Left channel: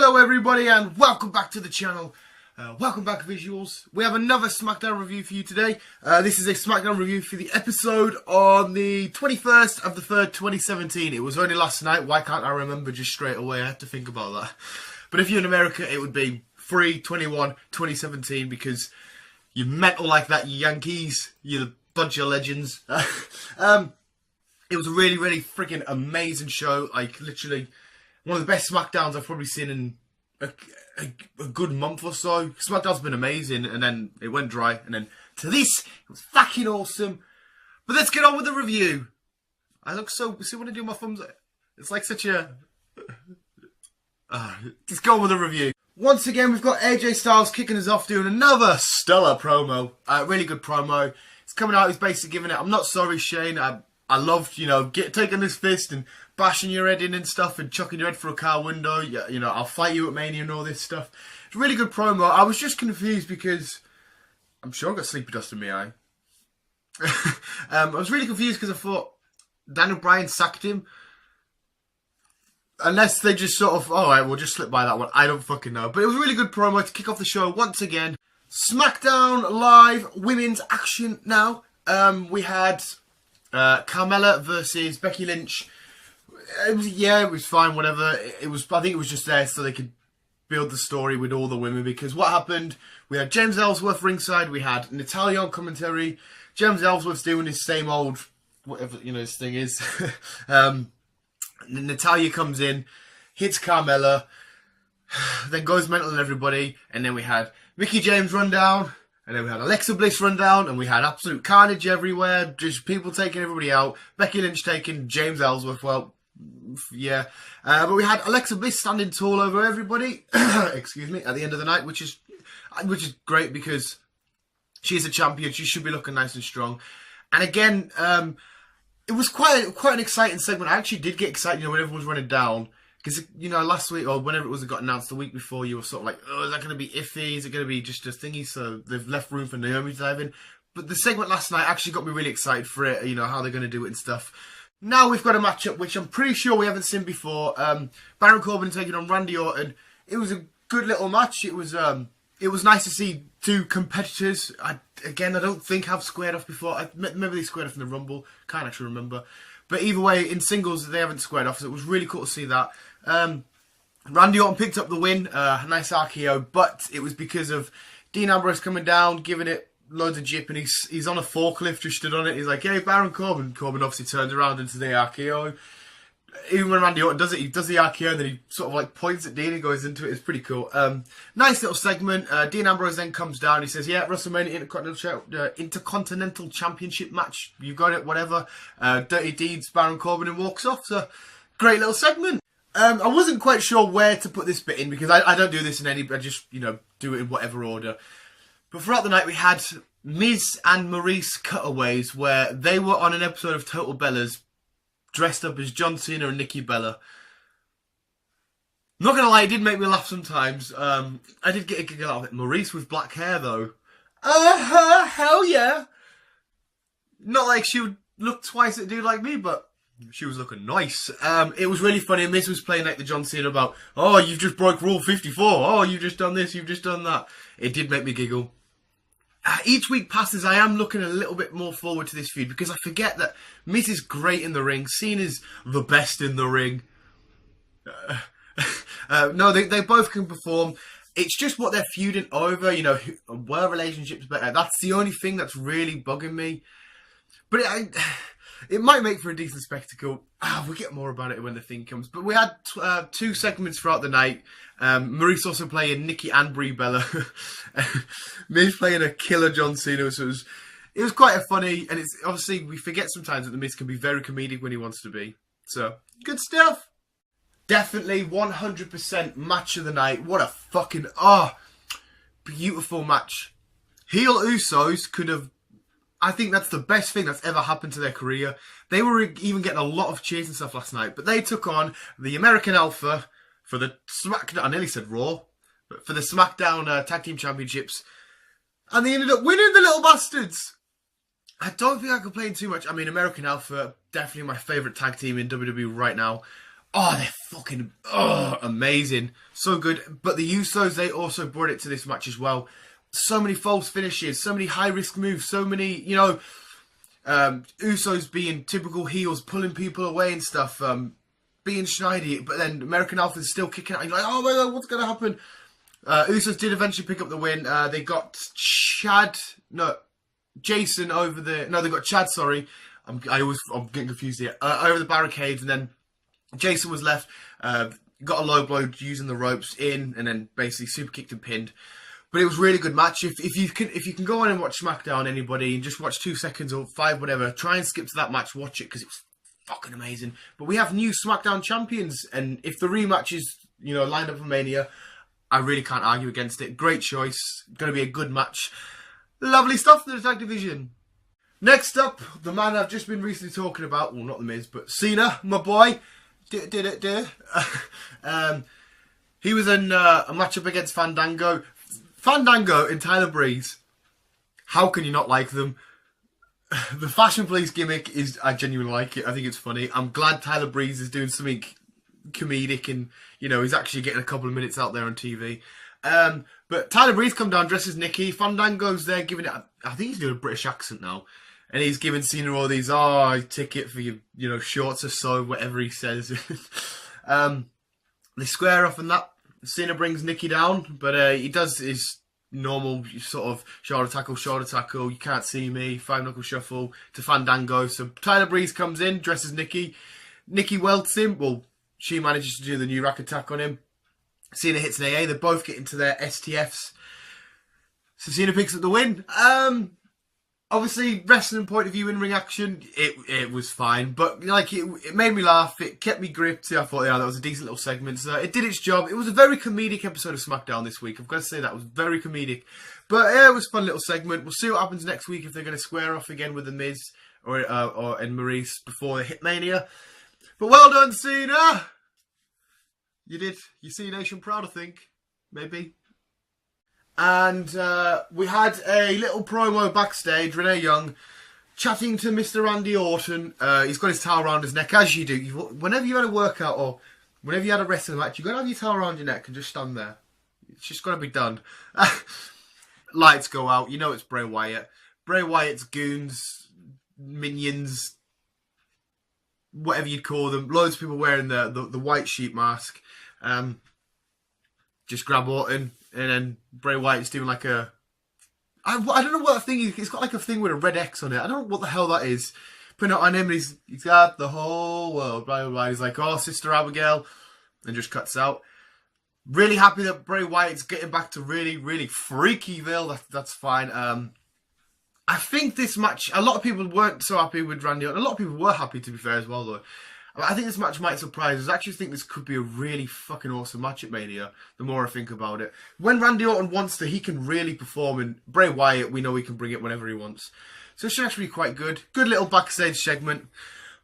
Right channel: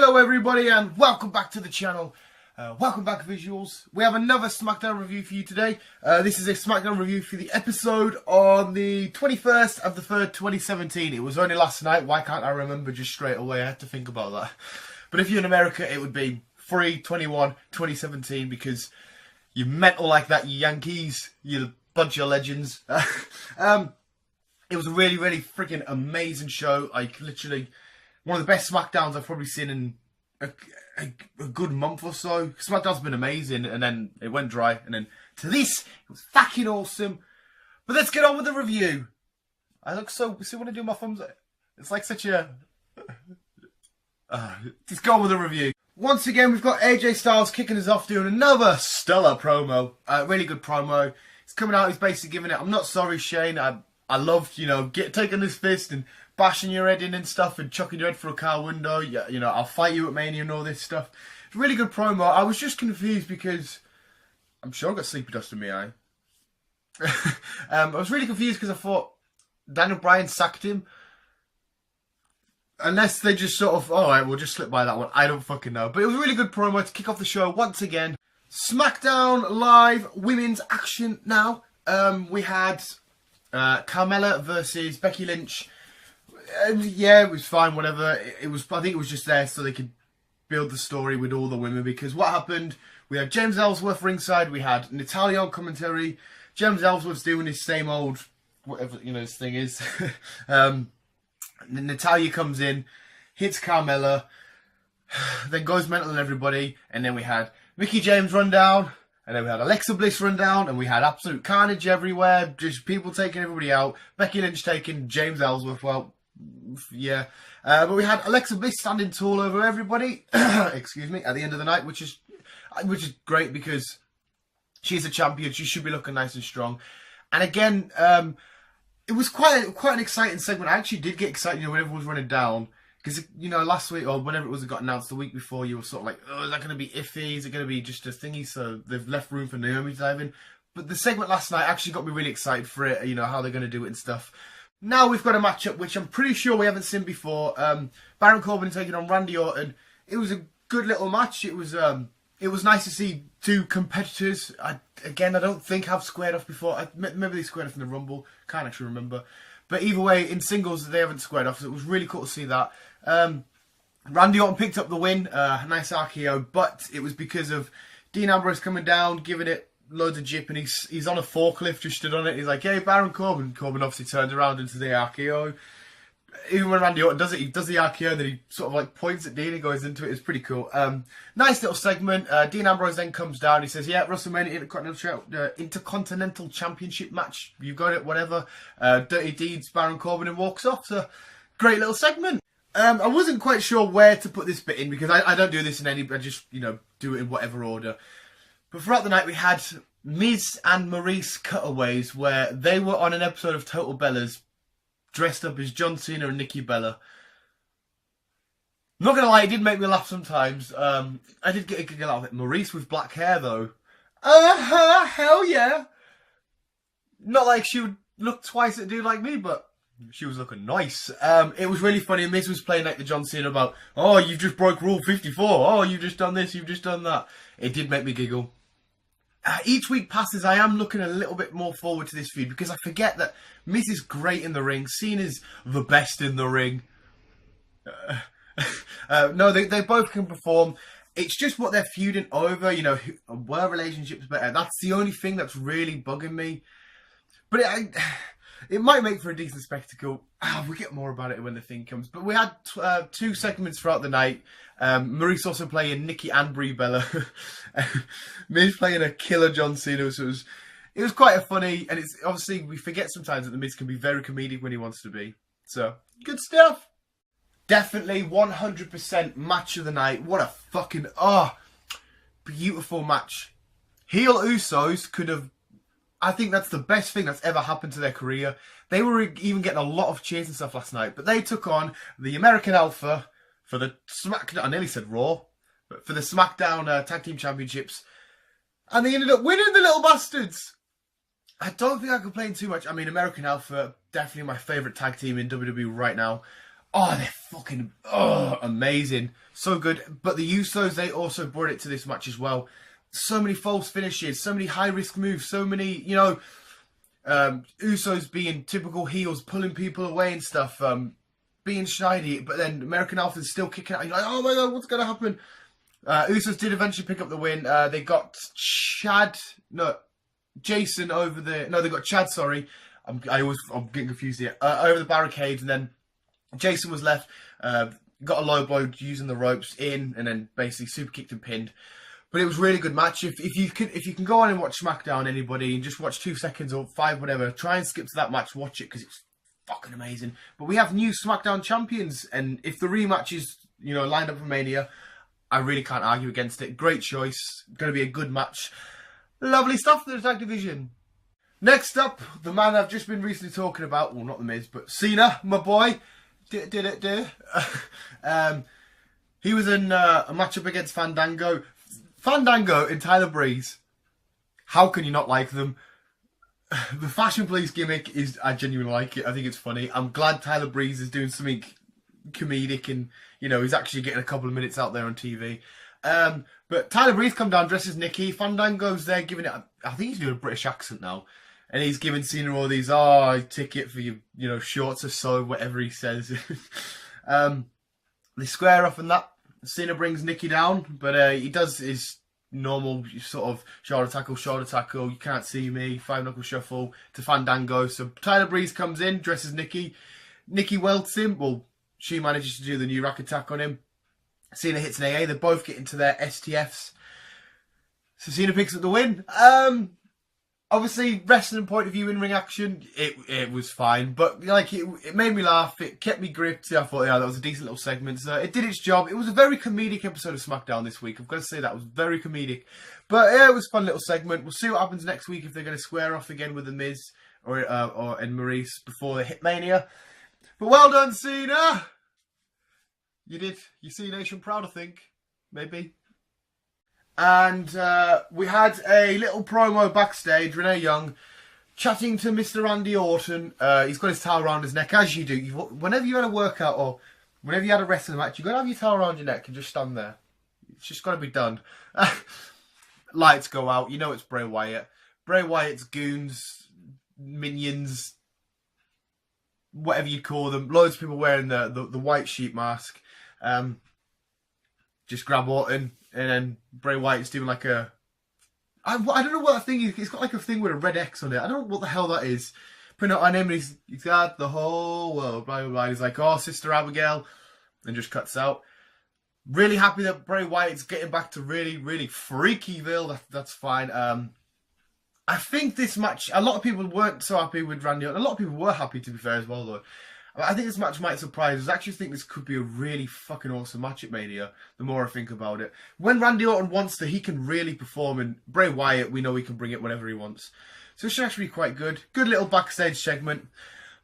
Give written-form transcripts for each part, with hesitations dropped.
Hello everybody and welcome back to the channel. Welcome back Visuals. We have another SmackDown review for you today. This is a SmackDown review for the episode on the 21st of the 3rd, 2017. It was only last night. Why can't I remember just straight away? I have to think about that. But if you're in America, it would be 3/21/2017 because you're mental like that, you Yankees. You're a bunch of legends. It was a really, really freaking amazing show. Like, literally one of the best SmackDowns I've probably seen in a good month or so. SmackDown's been amazing, and then it went dry, and then to this, it was fucking awesome. But let's get on with the review. I look so... See when I do my thumbs? It's like such a... let's go on with the review. Once again, we've got AJ Styles kicking us off doing another stellar promo. Really good promo. He's coming out, he's basically giving it, I'm not sorry, Shane. I loved, taking this fist and bashing your head in and stuff and chucking your head through a car window. I'll fight you at Mania and all this stuff. It's a really good promo. I was just confused because I'm sure I got sleepy dust in my eye. I was really confused because I thought Daniel Bryan sacked him. Unless they just sort of, alright, we'll just slip by that one. I don't fucking know. But it was a really good promo to kick off the show once again. SmackDown Live Women's Action now. We had Carmella versus Becky Lynch. It was fine, whatever. I think it was just there so they could build the story with all the women, because what happened, we had James Ellsworth ringside, we had Natalya on commentary. James Ellsworth's doing his same old, whatever, his thing is. Natalya comes in, hits Carmella, then goes mental on everybody, and then we had Mickie James run down, and then we had Alexa Bliss run down, and we had absolute carnage everywhere, just people taking everybody out, Becky Lynch taking James Ellsworth, well, yeah. But we had Alexa Bliss standing tall over everybody, excuse me, at the end of the night, which is great because she's a champion, she should be looking nice and strong. And again, it was quite an exciting segment. I actually did get excited, when everyone was running down. Because, last week, or whenever it was, it got announced the week before, you were sort of like, oh, is that going to be iffy? Is it going to be just a thingy? So they've left room for Naomi to dive in. But the segment last night actually got me really excited for it, how they're going to do it and stuff. Now we've got a matchup which I'm pretty sure we haven't seen before. Baron Corbin taking on Randy Orton. It was a good little match. It was nice to see two competitors. I don't think have squared off before. Maybe they squared off in the Rumble. Can't actually remember. But either way, in singles, they haven't squared off. So it was really cool to see that. Randy Orton picked up the win. A nice RKO. But it was because of Dean Ambrose coming down, giving it loads of jip. And he's on a forklift, just stood on it. He's like, hey, Baron Corbin. Corbin obviously turns around into the RKO. Even when Randy Orton does it, he does the RKO and then he sort of like points at Dean and goes into it. It's pretty cool. Nice little segment. Dean Ambrose then comes down. He says, yeah, WrestleMania Intercontinental Championship match. You got it, whatever. Dirty Deeds, Baron Corbin, and walks off. So, great little segment. I wasn't quite sure where to put this bit in because I don't do this in any, I just, do it in whatever order. But throughout the night we had Miz and Maurice cutaways where they were on an episode of Total Bellas dressed up as John Cena and Nikki Bella. Not gonna lie, it did make me laugh sometimes. I did get a giggle out of it. Maurice with black hair though. Hell yeah. Not like she would look twice at a dude like me, but she was looking nice. It was really funny. Miz was playing like the John Cena about, oh, you've just broke Rule 54. Oh, you've just done this, you've just done that. It did make me giggle. Each week passes, I am looking a little bit more forward to this feud because I forget that Miz is great in the ring. Cena's the best in the ring. No, they both can perform. It's just what they're feuding over, were relationships better? That's the only thing that's really bugging me. But it might make for a decent spectacle. We'll get more about it when the thing comes. But we had two segments throughout the night. Maurice also playing Nikki and Brie Bella. Miz playing a killer John Cena. So it was quite a funny. And it's obviously, we forget sometimes that the Miz can be very comedic when he wants to be. So, good stuff. Definitely 100% match of the night. What a fucking, beautiful match. Heel Usos could have, I think that's the best thing that's ever happened to their career. They were even getting a lot of cheers and stuff last night, but they took on the American Alpha for the SmackDown, I nearly said Raw, but for the SmackDown Tag Team Championships, and they ended up winning, the little bastards. I don't think I complain too much. I mean, American Alpha, definitely my favourite tag team in WWE right now. Oh, they're fucking amazing. So good. But the Usos, they also brought it to this match as well. So many false finishes, so many high-risk moves, so many, Usos being typical heels, pulling people away and stuff, being schneedy, but then American Alpha's still kicking out. You're like, oh my god, what's going to happen? Usos did eventually pick up the win. They got Jason over the... No, they got Chad, sorry. I'm getting confused here. Over the barricades, and then Jason was left, got a low blow using the ropes in, and then basically super kicked and pinned. But it was a really good match. If you can go on and watch SmackDown, anybody, and just watch 2 seconds or 5, whatever, try and skip to that match, watch it, because it was fucking amazing. But we have new SmackDown champions, and if the rematch is, lined up for Mania, I really can't argue against it. Great choice. Going to be a good match. Lovely stuff in the tag division. Next up, the man I've just been recently talking about, well, not The Miz, but Cena, my boy. He was in a matchup against Fandango. Fandango and Tyler Breeze. How can you not like them? The Fashion Police gimmick I genuinely like it. I think it's funny. I'm glad Tyler Breeze is doing something comedic and, he's actually getting a couple of minutes out there on TV. But Tyler Breeze come down dressed as Nikki. Fandango's there giving it, I think he's doing a British accent now. And he's giving Cena all these, ticket for your, shorts or so, whatever he says. They square off and that. Cena brings Nikki down, but he does his normal sort of shoulder tackle, you can't see me, 5-knuckle shuffle to Fandango. So Tyler Breeze comes in, dresses Nikki. Nikki welts him. Well, she manages to do the new rack attack on him. Cena hits an AA. They both get into their STFs. So Cena picks up the win. Obviously, wrestling point of view, in-ring action, it was fine. But, it made me laugh. It kept me gripped. I thought, that was a decent little segment. So it did its job. It was a very comedic episode of SmackDown this week. I've got to say that. It was very comedic. But, yeah, it was a fun little segment. We'll see what happens next week if they're going to square off again with The Miz and Maurice before the Hitmania. But well done, Cena! You did. You see Nation proud, I think. Maybe. And we had a little promo backstage. Renee Young chatting to Mr. Randy Orton. He's got his towel around his neck, as you do. Whenever you had a workout or whenever you had a wrestling match, you've got to have your towel around your neck and just stand there. It's just got to be done. Lights go out. You know it's Bray Wyatt. Bray Wyatt's goons, minions, whatever you'd call them. Loads of people wearing the white sheep mask. Just grab Orton. And then Bray Wyatt's doing like I don't know what that thing is. He's got like a thing with a red X on it. I don't know what the hell that is. Putting it on him, and he's got the whole world. Blah, blah, blah. He's like, oh, Sister Abigail. And just cuts out. Really happy that Bray Wyatt's getting back to really, really freakyville. That's fine. I think this match, a lot of people weren't so happy with Randy Orton. A lot of people were happy, to be fair, as well, though. I think this match might surprise us. I actually think this could be a really fucking awesome match at Mania, the more I think about it. When Randy Orton wants to, he can really perform, and Bray Wyatt, we know he can bring it whenever he wants. So it should actually be quite good. Good little backstage segment.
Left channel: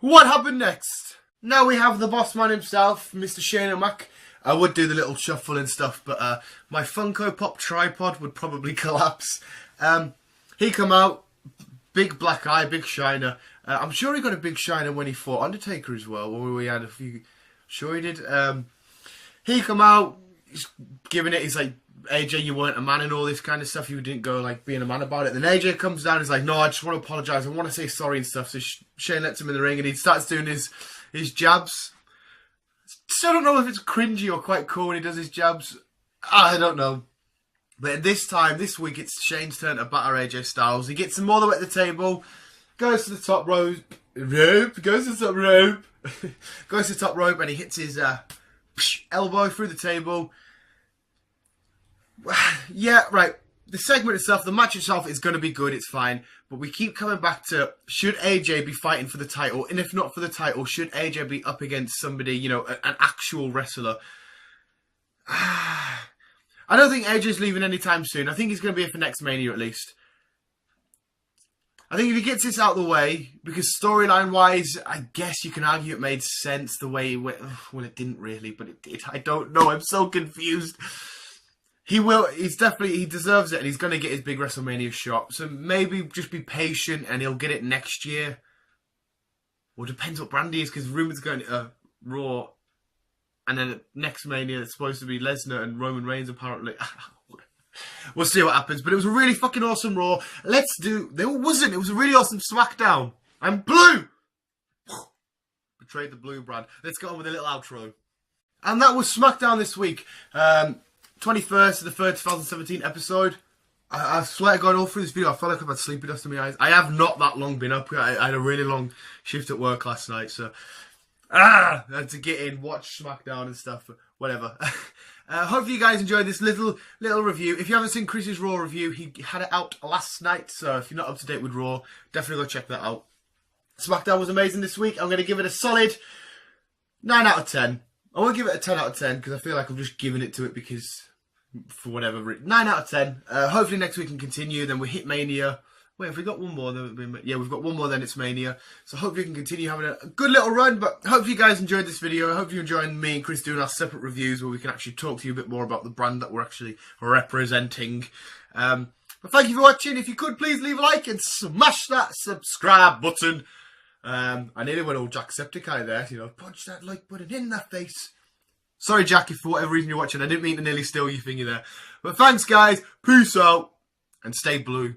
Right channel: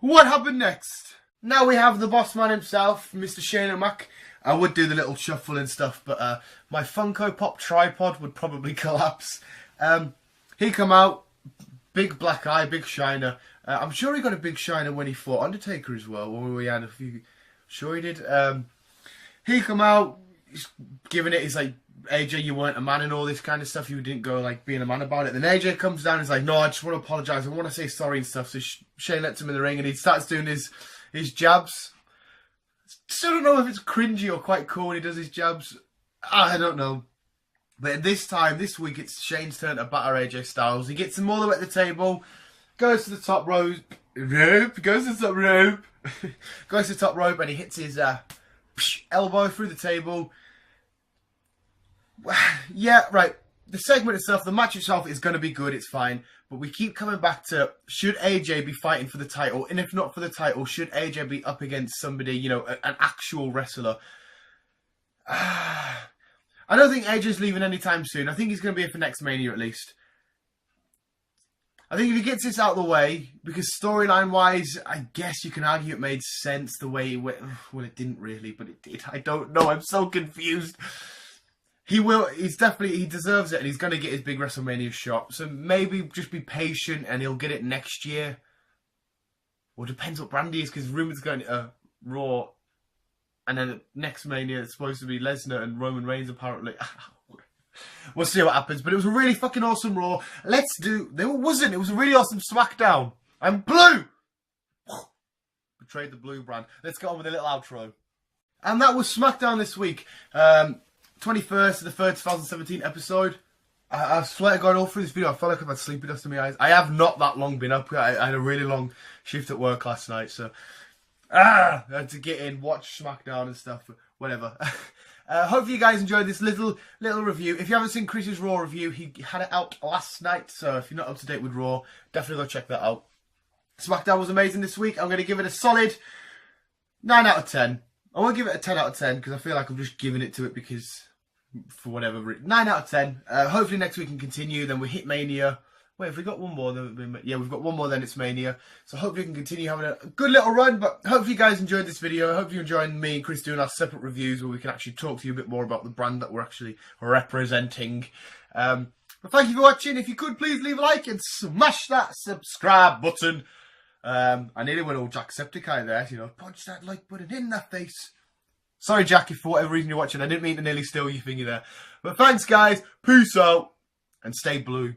What happened next? Now we have the boss man himself, Mr. Shane O'Mac. I would do the little shuffle and stuff, but my Funko Pop tripod would probably collapse. He come out, big black eye, big shiner. I'm sure he got a big shiner when he fought Undertaker as well. When we had a few, sure he did. He come out, he's giving it. He's like, AJ, you weren't a man and all this kind of stuff. You didn't go like being a man about it. Then AJ comes down. And he's like, no, I just want to apologise. I want to say sorry and stuff. So Shane lets him in the ring and he starts doing his jabs. Still don't know if it's cringy or quite cool when he does his jabs. I don't know. But this week, it's Shane's turn to batter AJ Styles. He gets him all the way to the table. Goes to the top rope, goes to the top rope, goes to the top rope, and he hits his elbow through the table. Yeah, right. The segment itself, the match itself is going to be good, it's fine. But we keep coming back to, should AJ be fighting for the title? And if not for the title, should AJ be up against somebody, an actual wrestler? I don't think AJ's leaving anytime soon. I think he's going to be here for next Mania at least. I think if he gets this out of the way, because storyline-wise, I guess you can argue it made sense the way it went. Well, it didn't really, but it did. I don't know. I'm so confused. He deserves it, and he's going to get his big WrestleMania shot. So maybe just be patient, and he'll get it next year. Well, depends what brand he is, because rumours going to Raw And then next Mania, it's supposed to be Lesnar and Roman Reigns, apparently. We'll see what happens. But it was a really fucking awesome Raw. There wasn't. It was a really awesome SmackDown. I'm blue! Betrayed the blue brand. Let's get on with a little outro. And that was SmackDown this week. 21st of the 3rd, 2017 episode. I swear to God, all through this video, I felt like I've had sleepy dust in my eyes. I have not that long been up. I had a really long shift at work last night, so... I had to get in, watch SmackDown and stuff, whatever. Hopefully you guys enjoyed this little review. If you haven't seen Chris's Raw review, he had it out last night, so if you're not up to date with Raw, definitely go check that out. SmackDown was amazing this week. I'm going to give it a solid 9 out of 10. I won't give it a 10 out of 10 because I feel like I'm just giving it to it because, for whatever reason. 9 out of 10. Hopefully next week can continue, then we hit Mania. Wait, have we got one more? Yeah, we've got one more, then it's Mania. So hopefully we can continue having a good little run. But hopefully you guys enjoyed this video. I hope you enjoyed me and Chris doing our separate reviews where we can actually talk to you a bit more about the brand that we're actually representing. But thank you for watching. If you could, please leave a like and smash that subscribe button. I nearly went all Jacksepticeye there. You know, punch that like button in that face. Sorry, Jack, if for whatever reason you're watching. I didn't mean to nearly steal your finger there. But thanks, guys. Peace out. And stay blue.